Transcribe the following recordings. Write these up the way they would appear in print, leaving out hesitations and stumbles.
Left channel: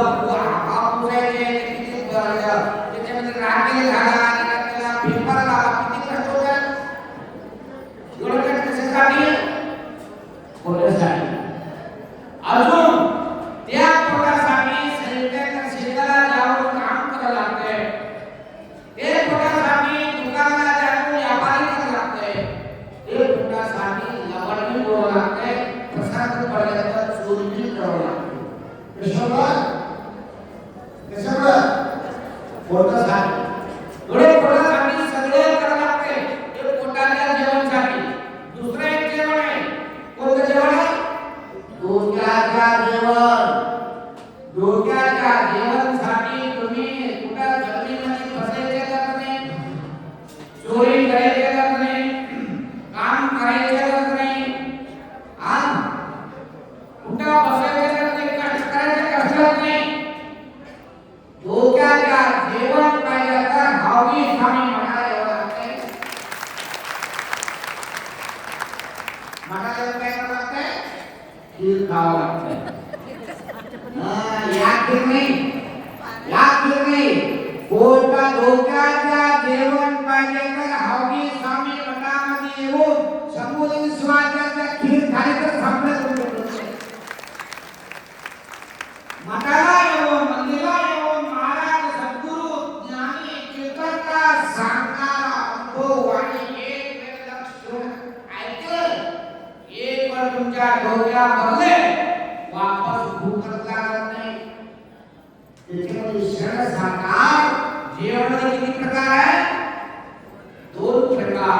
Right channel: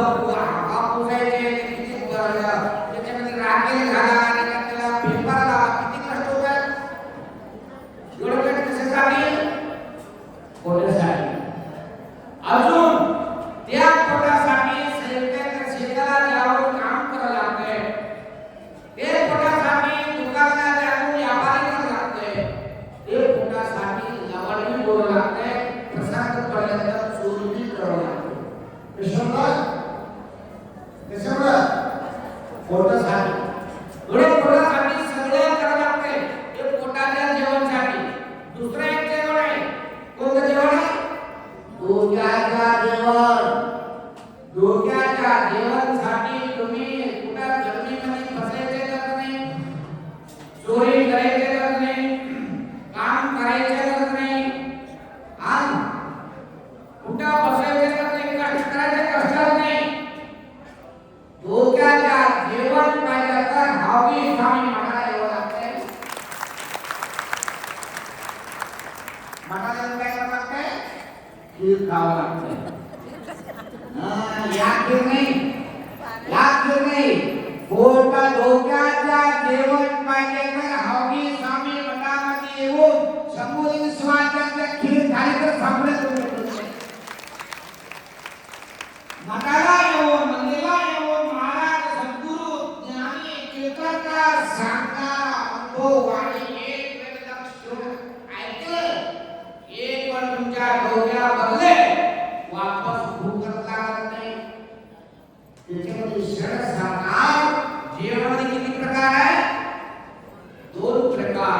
पुसायचे किती त्याच्यामध्ये राखेल घाला आणि त्याला पेपर लावा, किती कष्ट होतात. एवढं कष्ट कशासाठी? पोटासाठी. अजून त्या पोटासाठी शेताला जाऊन काम करावं लागतंय. ते पोटासाठी दुकानाला जाऊन व्यापारी करावं लागतंय. ते पोटासाठी लवणी बोलावं लागतंय. प्रसाद पडल्यानंतर चोरी करावं लागतंय. कशामुळे? पोटासाठी. पोटासाठी सगळं करावं लागतंय. हे पोटाच्या जेवणासाठी. दुसरं एक जेवण आहे. कोणतं जेवण आहे? डोक्याच्या जेवणासाठी तुम्ही कुठं जमिनीमध्ये बसायचे का नाही, चोरी करायचे का नाही, काम करायचे का नाही, कुठं बसायचे का नाही, कष्ट करायचे कष्टात नाही. डोक्याच्या जेवण पाहिजे तर हवी स्वामी म्हणायला एवढं लागतंय. म्हणायला काय करावं लागतंय? खीर खावं लागतंय. डोक्याच्या जेवण पाहिजे तर हवी स्वामी मठामध्ये येऊन शंभूलिंग शिवाजीच्या खीर खाली तर थांबलं तुमचे. मठाला येऊन मंदिराला येऊन महाराज सद्गुरू ज्ञानी कीर्तनकार सांगणारा अनुभव आणि एक वेळ लक्ष ठेवून ऐकलं, एक पण तुमच्या डोक्या बदले वापस भूकत लागत नाही. त्याच्यामध्ये शरण सांगणार जेवणाचे किती प्रकार आहे? 2 प्रकार.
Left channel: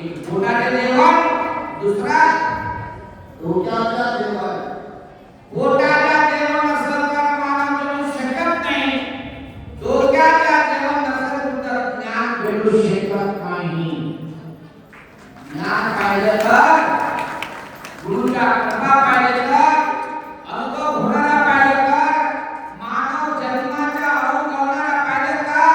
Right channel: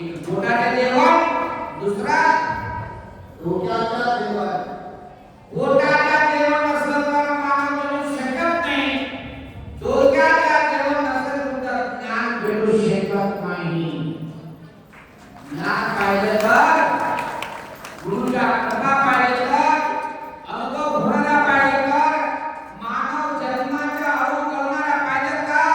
एक पोटाचे जेवण, दुसरा डोक्याच्या जेवण. पोटाच्या जेवण असलं तर मानव जगू शकत नाही. डोक्याच्या जेवण नसेल तर ज्ञान भेटू शकत नाही. ज्ञान पाहिजे तर गुरुच्या कृपा पाहिजे तर अनुभव होणारा पाहिजे तर मानव जन्माच्या अनुभव करणारा पाहिजे तर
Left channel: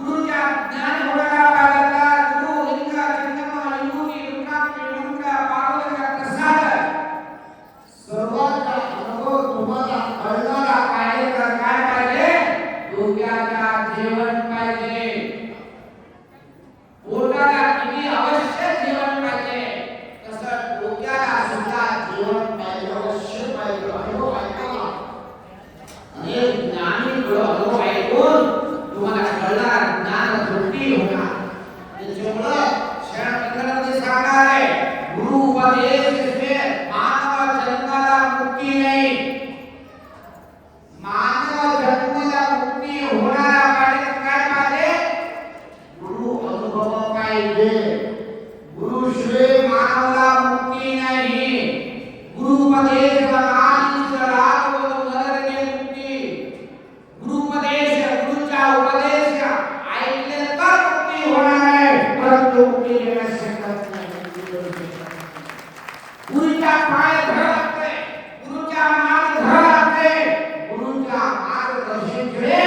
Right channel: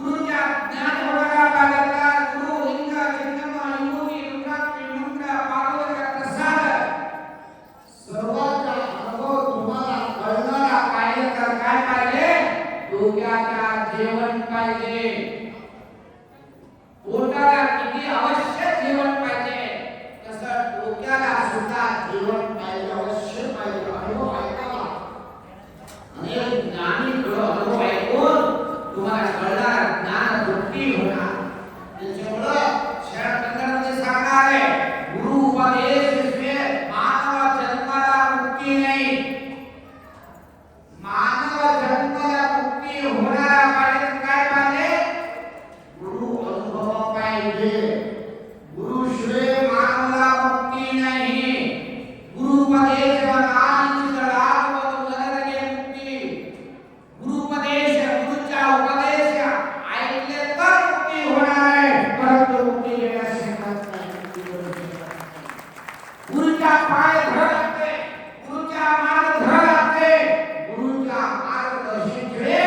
गुरुच्या ज्ञान होणारा पाहिजे तर गुरु लिंग चिन्ह युगी रुद्राक्ष मंत्र पार्वतीचा प्रसाद सर्वांचा अनुभव तुम्हाला कळणारा पाहिजे तर काय पाहिजे? डोक्याच्या जेवण पाहिजे. पोटाला किती आवश्यक जेवण पाहिजे तसं डोक्याला सुद्धा जेवण पाहिजे, अवश्य पाहिजे. अनुभव ऐका. अनेक ज्ञानी अनुभव ऐकून तुम्हाला कळणार, ज्ञान तृप्ती होणार. त्याच्यामुळं शरण केंद्रामध्ये सांगणार आहे, गुरु उपदेश से मानव जन्माला मुक्ती नाही. मानव जन्माला मुक्ती होणारा पाहिजे तर काय पाहिजे? गुरु अनुभव पाहिजे. गुरु शिवाय मानवाला मुक्ती नाही. गुरुपदेश गुरुपदेश गुरुच्या उपदेश ऐकले तर मुक्ती होणार आहे, परंतु मुक्ती देण्यास शकत नाही. गुरुच्या पाय धरावे लागते, गुरुच्या मार्ग धरावे लागते. गुरुच्या मार्गदर्शनाशिवाय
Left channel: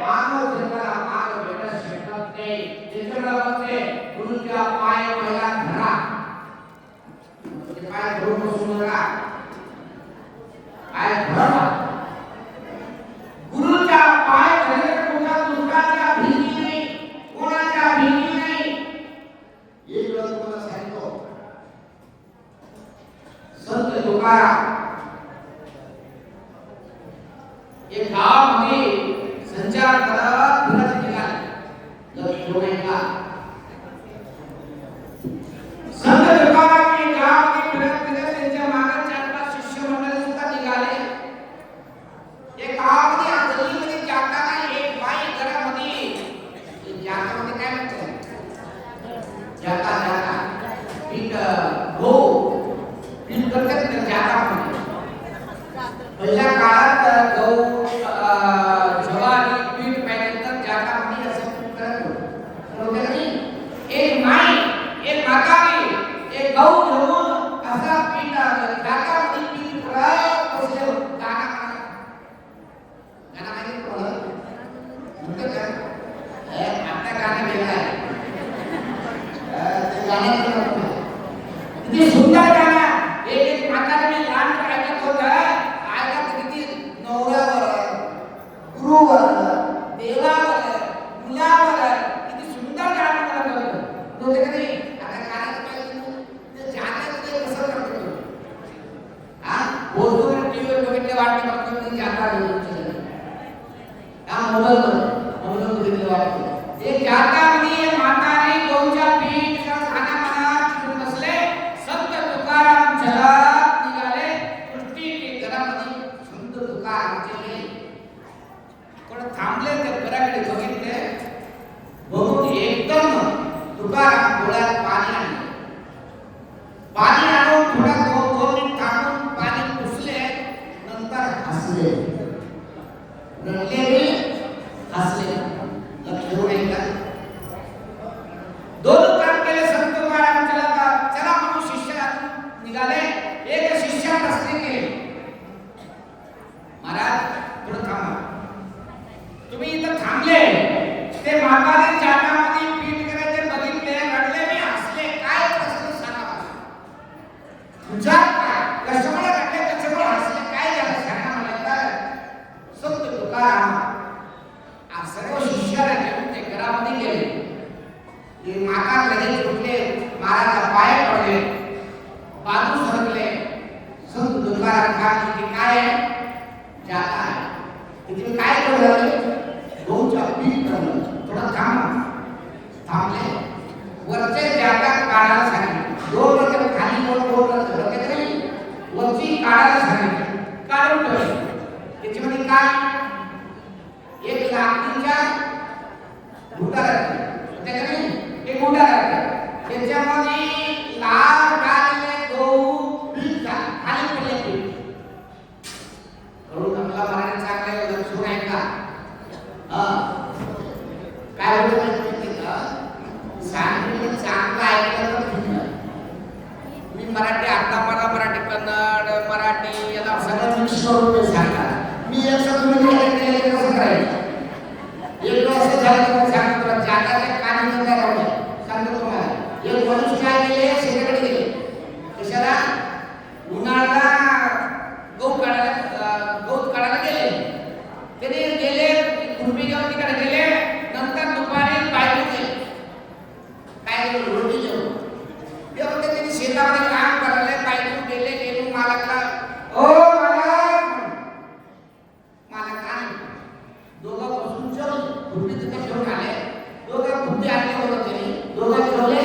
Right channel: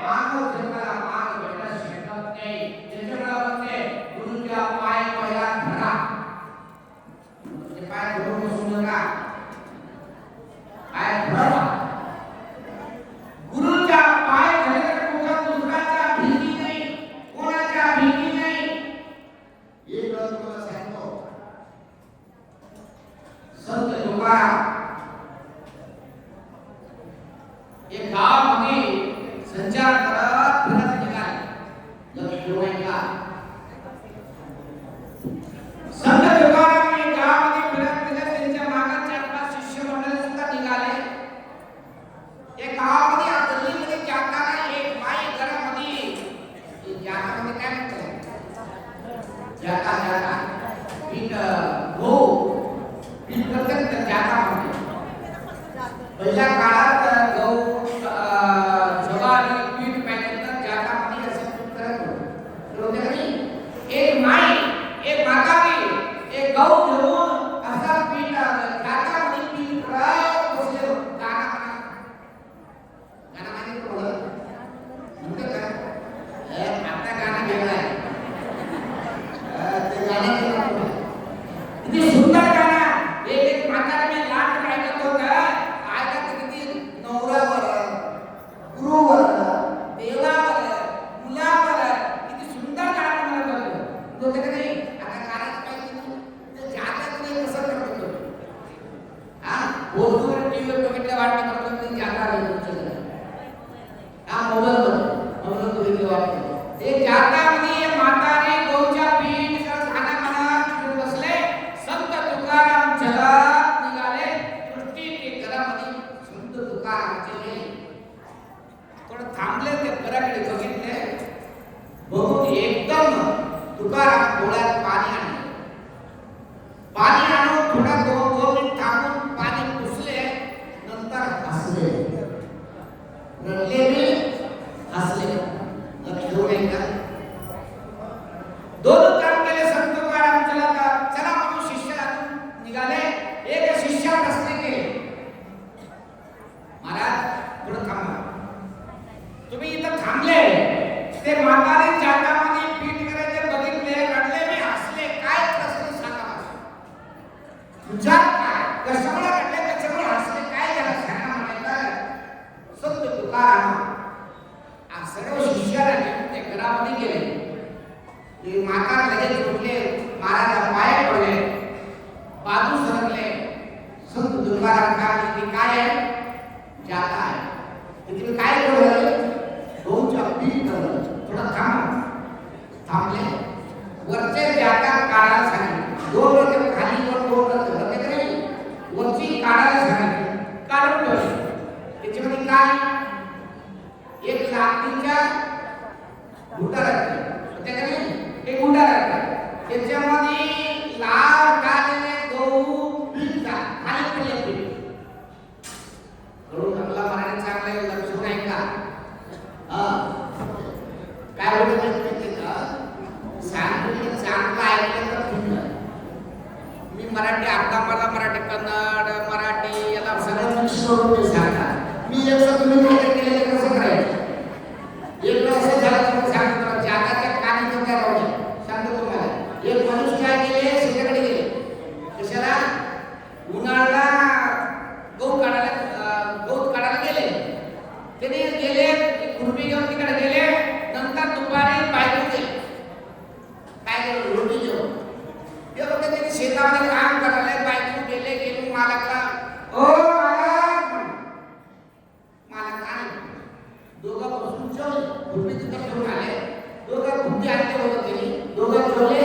मानव जन्माला मार्ग भेटण्यास शकत नाही. त्याच्यामुळे गुरुच्या पाय पहिला धरा. पाय धरून बसू नका, पाय धरा. गुरुच्या पाय धरले कुठला दुसऱ्याच्या भीती नाही, कोणाच्या भीती नाही. एक वेळ तुम्हाला सांगतो, संत तुकाराम एक गावामध्ये संचार करत फिरत निघाले. लक्ष्मीबाईला संत तुकाराम गावामध्ये फिरत फिरत त्यांच्या मागे 4-5 शिष्य मंडळी सुद्धा निघाले. एक गावामध्ये गल्लीमध्ये जाताना एक बाई घरामध्ये जातामध्ये काय म्हणते, जाता जाता पीठ पीठ करतात तर जातामध्ये पहिल्या काळात गहू ज्वारी पीठ पाहिजे तर जातामध्ये असे पीठ करत होते. एक माई एक म्हातारी एक गहू घेऊन असा पीठ जातामध्ये पीठ करत बसले. गाणं माहिती तुम्हाला म्हणते का? आता गाणं वेगळं आहे, ते गाणं किती सुंदर गाणं. एक म्हातारी मी लहान ऐकत होतं, ऐकत किती नवऱ्यावर बघितलं वाटतं मला तुम्ही जाता नाही हा मोबाईल बघितलं वाटतं ते जातामध्ये म्हातारे गौच्या पीठ खाना मनात बसले संत तुकाराम चलत निघाले सृष्टीचे घरामध्ये संत तुकाराम गेले थोडं थांबले ते घराकडे बघितले बघून एकदम तुकाराम डोळ्यात पाणी आणले पाणी आणून थोडा दोन मिनिट थांबून पाणी पुसले नंतर हसले रडले मी हसले लक्ष देऊ नये का दोन काम केले संत तुकाराम चला म्हणून शिष्य निघाले एक शिष्य प्रश्न केले महाराज थोडं थांबा तुम्ही इथं थांबले ते म्हातारे जाटामध्ये पीठ करायचे बघितले रडले मी हसले काय प्रश्न सांगा तुझा काय कशामुळे रडले कशामुळे हसले काय झालं सांगा म्हणायचं संत तुकाराम सर्व शिष्याला घेऊन ते घरामध्ये गेले ते म्हातार लगेच उठले महाराजच्या पाया पडले बाजू सरकले संत तुकाराम काय आहे जाता आहे तुम्ही काय करू गहूच्या पीठ बनवलं थोडं थांबले वरचे जागा काढायला सांगितले दोन वर्ष खाली वरची काढायला सांगितले काढून ठेवले त्याच्यामध्ये काय एक लाकडीच्या गुटा राखली त्याच्याकडे एक गुटा राखला त्याच्यामध्ये लाल काढलेले गहू पीठ खाली पडले पीठ करून आपला मराठी चांगला आहे लक्ष नाही का काय होतं माहिती का सांगितलं चांगलं ऐकलं तर ठीक मी मराठी अर्धा मराठी कन्नड मराठी याला सगळं मिक्स करून सांगा मी एक तुम्ही केलेलं कसं करायचं एक वेळ असं झालं तर सांगतो तुला जागाच्या कानातून काय राहू सांगतो तुम्हाला एक मनुष्य काय गेले शेताकडे गेले कशाला उन्हाळ्याला गहू काढायला गेले त्याने गेले खुरपी घेऊन तिकडे गेले नंतर दुपारी बायको गेले काय केलं रोटी जेवण तेव्हा त्यांनी शेतामध्ये काम करायला बायको गेले मालकला ओ मालक आले दोघं बसून जेवले खुरपी तिथं ठेवून आले दोघं बुद्धी आणले होते त्यांनी दोघं जेवले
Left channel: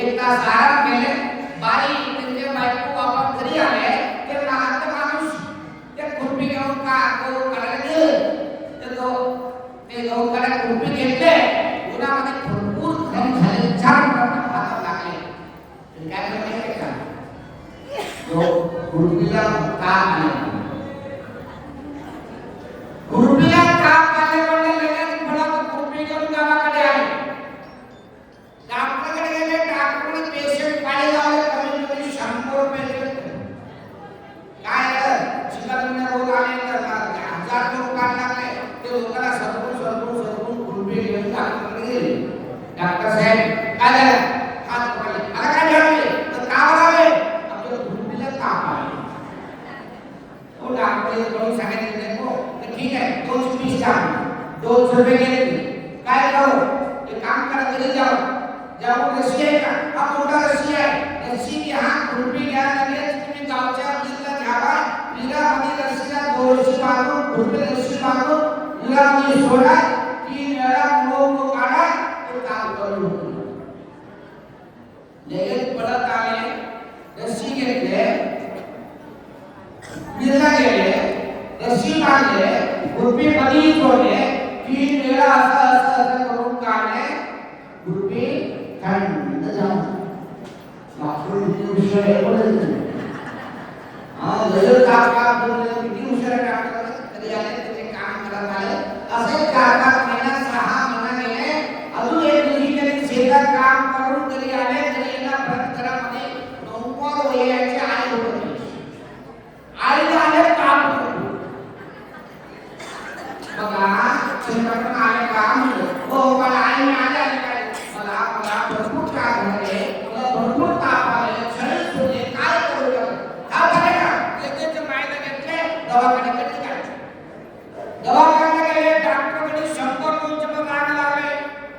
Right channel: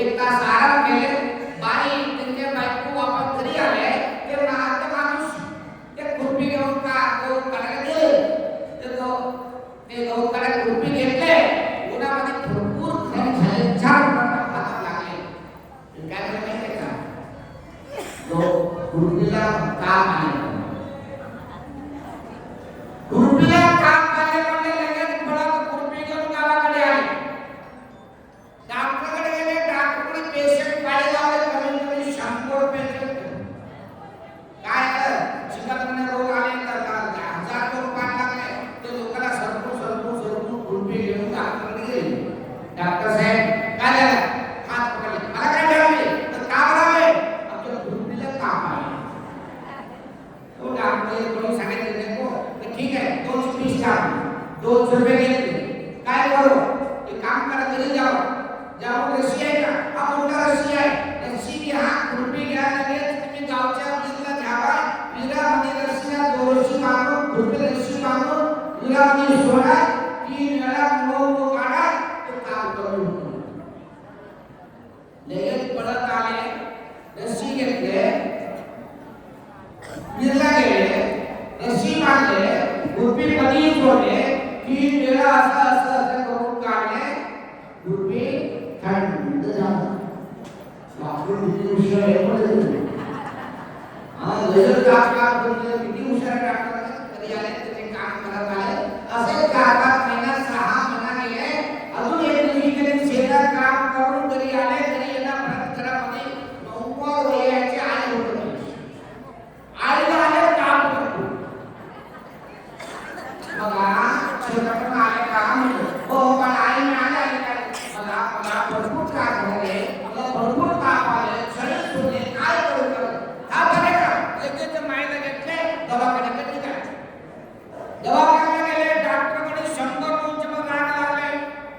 एक तास आराम केले बाई त्यांच्या बायको वापस घरी आले ते माणूस ते खुरपी घेऊन गहू काढायला गेले ते गहू काढायला खुरपी घेतले उन्हामध्ये भरपूर खाली झाले 4 मिनिटं हातात लागले काय झालं माहिती का खुरपीला काम आले खुरपीला काम आले पण लगेच पडत खुरपी घेऊन गावाकडे आले डॉक्टरकडे गेले डॉक्टरने पेशंट पाळी लावले कमीत कमी 100 पेशंट काय चिकन रोग आले तर 1000 लोक काढ लागले ते लोकांना सरकून खुरपी घेऊन डॉक्टरकडे गेले डॉक्टर साहेब काय झालं हात पकडले मला काय झालं तर का करावे आमच्या खुरपीला ताप आला तो डॉक्टर कोणी सांगितलं नाही तर ठीक आहे 220 200 रुपये गेले काय करू ते काम करा घरी जाऊन रशी आहे का हा मोठा रशी आहे रशी घ्या खुरपी घ्या लगेच तुम्ही गावच्या वीरला घ्यावा वीरामध्ये रशीला 2 रशी मारून खुरपी रशी मारून वीरामध्ये सोडा 3 वेळा मऊ काढा ते काम करून लगेच पडत आले रशी घेतले वीरला गेले रशी मारले खुरपी मध्ये सोडले 3 वेळा असं करून काढले खुरपी थंड झाली आपण किती हुशार आहे बोलायचं लगेच काम करून किती हुशार डॉक्टर कधी आले त्याचे काम करत आले असे 4-5 महिन्यात 6 महिना गेले अजून एक दिवशी त्यांनी शेतात काम करून घरी आले घरी येणार परत घरामध्ये 90 वयाची आई होती आईला आले काम बघा शेतातून आले काम हो मला आईने आले मला भरपूर काम झाले भरपूर काम आले शरीर होते काय करू हा बरे का लगेच मायला घेतले दवाखान्यात निघाले दवाखान्यात गेले डॉक्टरकडे 100 दोनशे राग लागले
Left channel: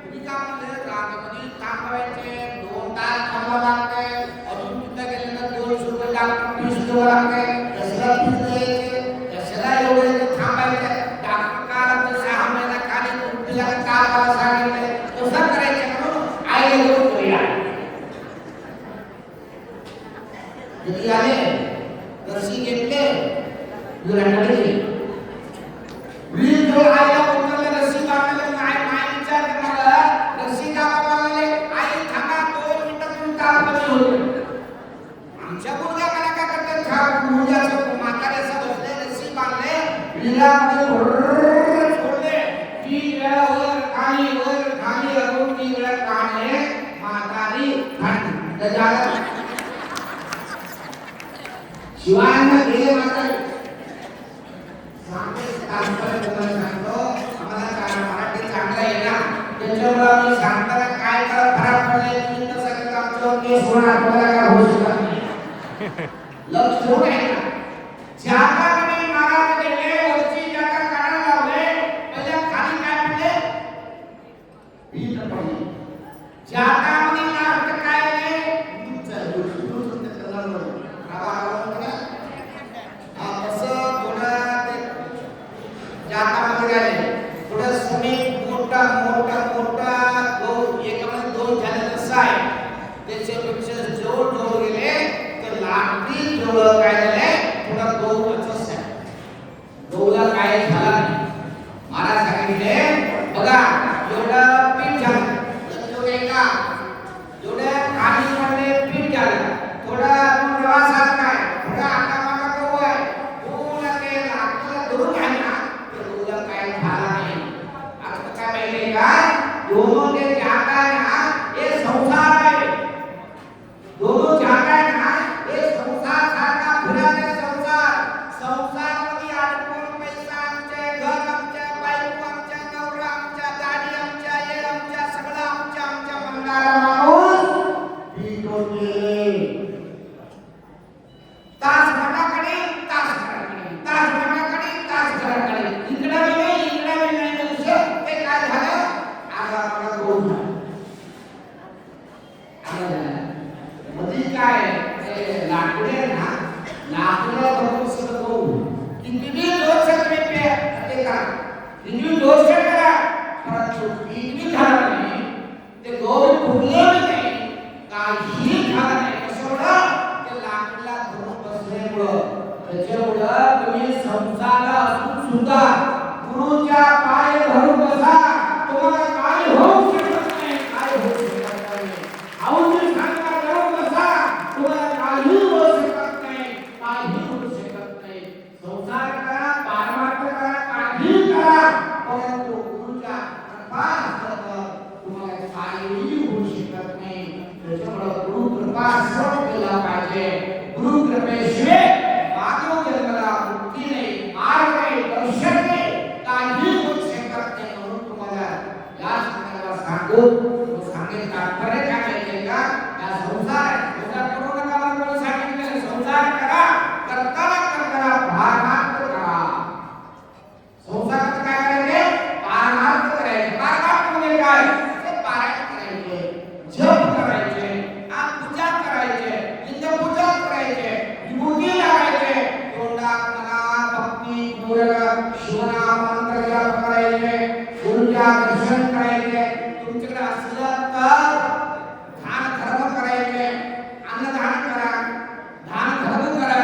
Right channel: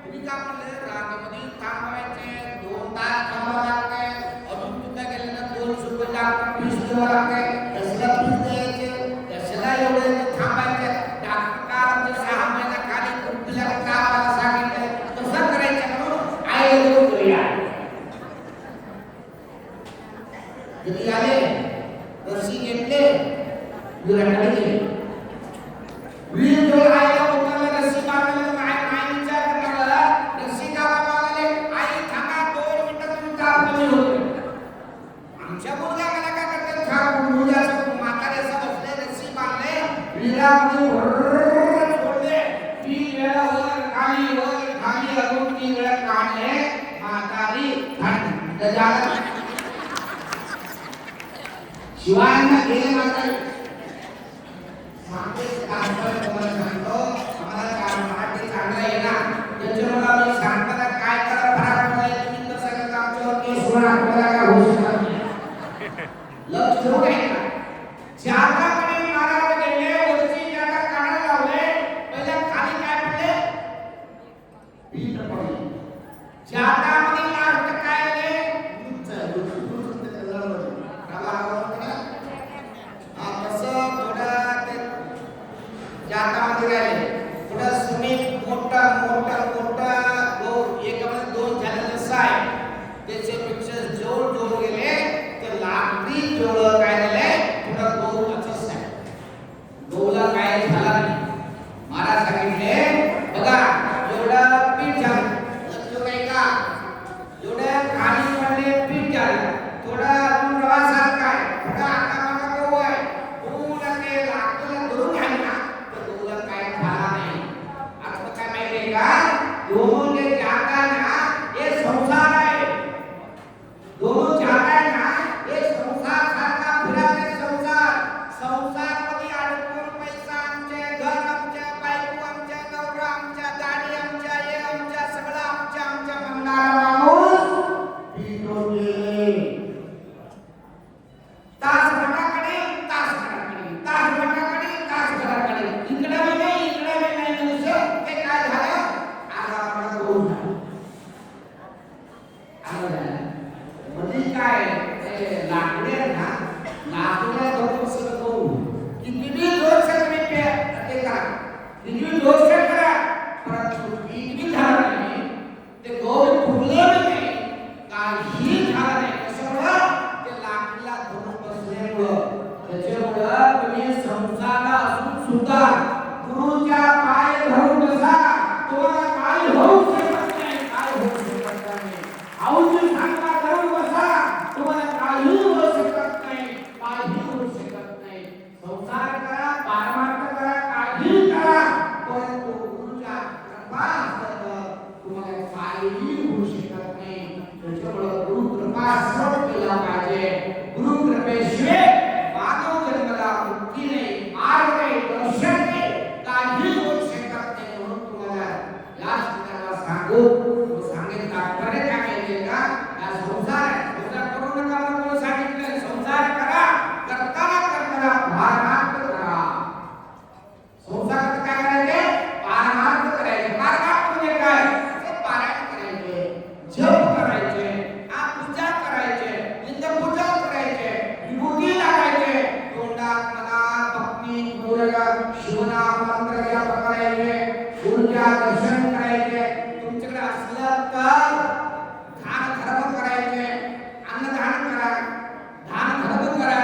तुम्ही का म्हणले रागामध्ये थांबवायचे 2 तास थांबवा लागते अजून तिथं गेले ना 200 रुपये डॉक्टर फीस द्यावं लागते कसला फीस द्यायचे विहिरीकडे गेले. विहिरीजवळ आईला उतरले, रस्सी बांधले. आई विचार करणार, रस्सी का बांधले? आई थांबा, 2 मिनिटं तुमचा कमी होतो. आमच्या मुलगा मला काय करतात? छान मुलगाचं म्हाताऱ्याचं बसले, रस्सी बांधले, विहिरामध्ये सोडले. 3 वेळा वर खाली वर खाली अजून 3 वेळा काढले. म्हातारी खाली शिवायला गेले. म्हातारी सांगतो आम्हाला काय मराठी चांगला आहे ना, त्याच्यामुळे आम्ही सांगताना काय करा खराब पडले तुम्ही तर सगळं आमच्यावर केस होणार, तुम्हाला काय होऊ शकत नाही. लक्ष ठेवून ऐका. जाताकडे महाराज गेले, वरती जाता काढायला लावले. पहिल्या खाली काय पडले? पीठ पडले. जातामध्ये लास्ट काय आले? जातामध्ये राहिले. थोडं समीप मोठा मोठा मोठा एकामध्ये 2 झाले तसं आहे. त्याच्यापेक्षा जवळ जवळ गेले तर लाकडी जवळ काय झाले? थोडा गहू असंच आहे. गहूला काय झाला नाही. महाराज सांगितले बघा एवढं पीठ झालं, लक्ष नाही का? एवढं खाली पडले पीठ झालं. थोडा अजून प्रवासात काय थोडा आता मला गहू आहे. पूर्ण ते लाकडीला धरून आहे ना, तर गहूला काय झाला नाही. आता काय माहिती का? दोन जे जागा आहे ना, हे संसार आहे. दोन जागा आहे ना, हे संसार सारखा फिरत संसार. संसार मध्ये अडकून पैसा आमचे, घर आमच्या, बायको आमच्या, नवरा आमच्या, गाडी आमच्या, हे आमच्या, सगळं आमच्या आमच्या म्हणणारा माणूस तास घराकडे तास घराकडे तास घराकडे तास घराकडे इकडे बी नाही इकडे बी नाही म्हणजे ते काय झालं? आगापाला गहू झाला. मध्ये काय ते लाकडे ना, लाकड्या धरून सगळं गहू किती दोष ते करा, किती दोष करा, परंतु किती झालं नाही. ते गहू फुटले नाही, काही झालं नाही. कशामुळं? ते लाकडीला धरून बसल्यामुळं. त्याच्यामुळं तुम्ही संसाराला असून सुद्धा गुरुच्या पाय धरून बसा, तुम्हाला काय होऊ शकत नाही. काय होऊ शकत नाही. औषध सांगा धरून बसा, तुम्हाला काही होऊ शकत नाही. काही होऊ शकत नाही. संसार करा, पारमार्थ करा, काही करा, परंतु गुरुच्या कृपा नसल्यानं तुम्हाला काहीही होऊ शकत नाही. त्याच्यामुळं गुरु कृपा सर्व केला पाहिजे. गुरु कृपेशिवाय मानव जन्माला मुक्ती नाही, मार्ग नाही, दर्शन नाही, काही होऊ शकत नाही. म्हणून तुम्हाला या संदर्भात सांगेन तात्पर्य काय माहितीये का? या संसार आहे, संसार करू नका म्हणून कोणी सांगितलं? संसार करा, करताना करताना पारमार्थ करा. संसारात काय करायचे? पारमार्थ करायचे. पारमार्थ म्हणजे काय? ते पारायण करायचे, जप करायचे, पूजा करायचे, लिंगपूजा करायचे, विभूती लावायचे, तोंडात मनात भक्ती पूर्वक शिवनाम मंत्र जप करायचे, गुरुच्या दर्शन करायचे. तुमच्याकडे असलं तर दान धर्म करायचे, अन्नदान करा, दान धर्म करा,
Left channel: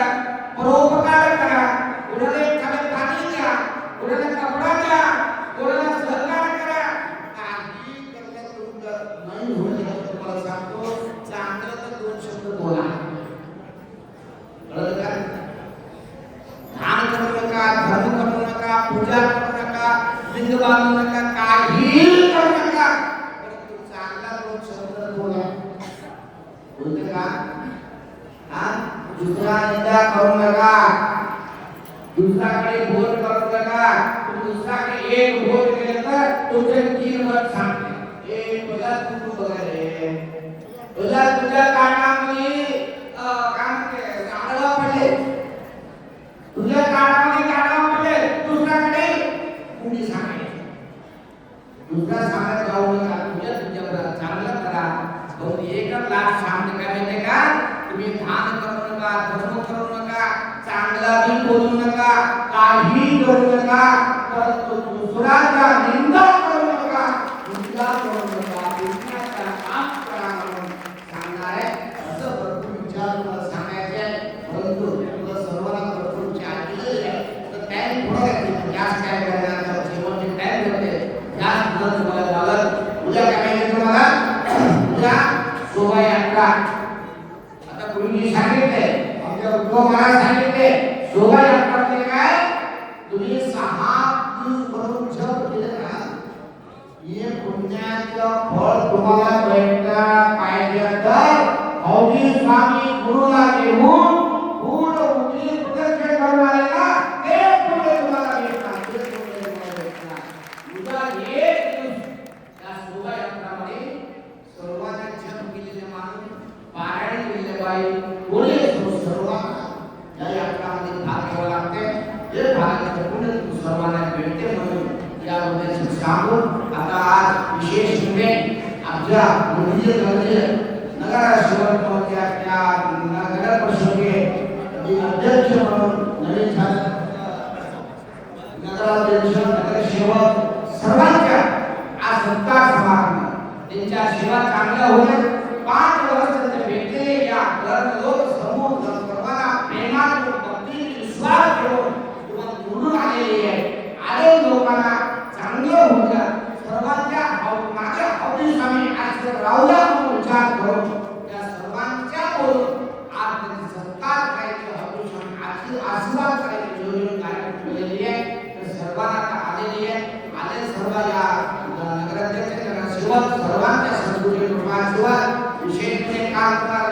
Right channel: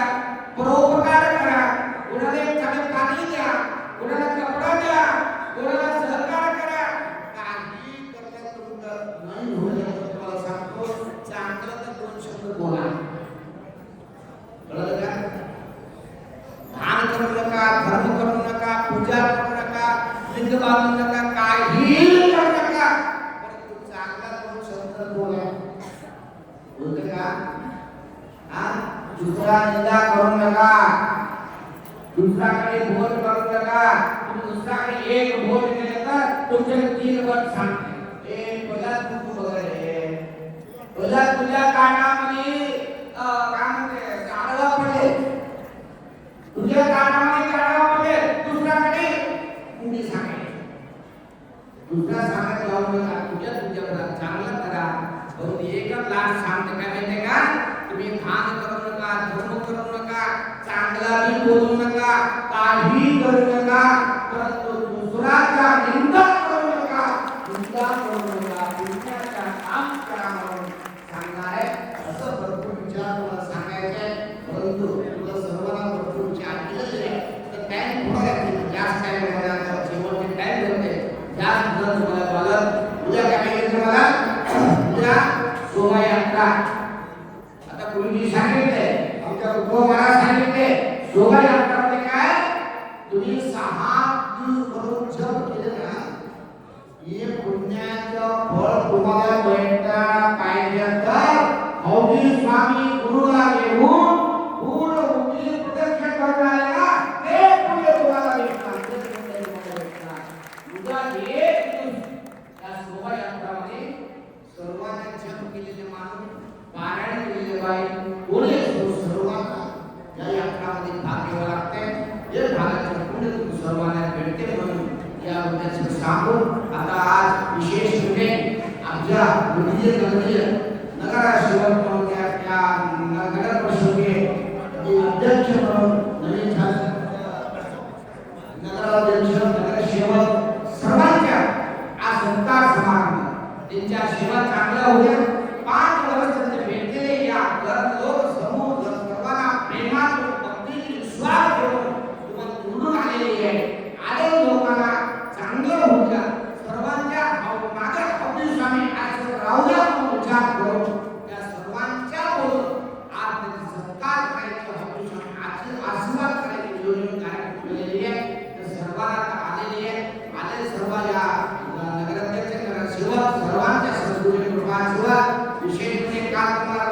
परोपकार करा. कोणाला एखादं पाणी द्या, कोणाला कपडा द्या, कोणाला सहकार्य करा. काही करलं तुमचं नाही होईल. तुम्हाला सांगतो चांगलं तर 2 शब्द बोला. कळलं का? दान करू नका, धर्म करू नका, पूजा करू नका, लिंग बांधू नका, काही करू नका, परंतु चांगला 2 शब्द बोला. बोलते का? दुसरा निंदा करू नका, दुसऱ्याकडे बोट करू नका. तुम्ही दुसऱ्याकडे एक बोट केले तर तुमचे 3 वर्ष सांगते. पहिला तू बघायला पहिला तुझ्या कानामध्ये काम गाडवा पडले, तुझ्या कानामध्ये गाडवा पडले, दुसऱ्याकडे कुंडी सांगायची. दुसरा सांगत जाऊ नका, तुझ्या चांगलं करा. बहुत एकच लाट सांगते काय माहितीये का? तुम्ही दान करू नका, धर्म करू नका, चांगला बी बोलू नका, काही करू नका, परंतु दुसऱ्याचा निंदा करू नका, निंदा करू नका, दुसऱ्याचा काम करा म्हणून सांगणार आहे. असं भरपूर विचार तुम्हाला सांगायचे, परंतु तुला सर्वांना भरपूर विचार केलेले आहे. मला सांगितले शोभायात्रामध्ये काय तुम्ही 6 दिवस करून जप केलं ना हे पुण्याचं फळ तुम्हाला भेटला पाहिजे तर मौली स्वामी गुरुला घेऊन पूर्ण उंची प्रदक्षिण करून आले ना ते पुढे तुम्हाला भेटणार ते पुढे तुम्हाला भेटणार उद्या एक दिवस या शोभायात्रामध्ये सर्वांना जप केलेले माणूस पारायण केलेले बाई कोणी असो सर्वांना या यात्रामध्ये भाग घ्यावा लागते हे भागाचे पुण्य सर्वांना भेटते म्हणून याबद्दल सांगून आता आज विशेष म्हणजे आमच्या मंदिर नगराशिवक त्या नगर परिषदेचे अध्यक्ष म्हणून नवीन झाले नगराध्यक्ष नगरसेवक सर्वांच्या आज सत्कार समारंभ त्यांच्या सेवा चांगल्या होत्या 5 वर्ष त्यांचे भेटलेले या लोक समूह सर्वांना प्रेमात भक्ती विश्वास ठेवून तुम्हाला निवडून आलेले आहे आले लोकांना चांगलं होतं सर्वांच्या मागे हौदी स्वामी आज राहुला म्हणून विचार करून त्या सर्वांच्या बोलून आज त्यांचा सत्कार करायचा हौदी स्वामी आशीर्वाद करायची योजना कार्यक्रम केलेली आहे तर सर्वांना आलेली आहे आले सर्व या नगराध्यक्ष नगरसेवक सर्वांच्या संस्कृती कृपा विशेष काल तुम्हाला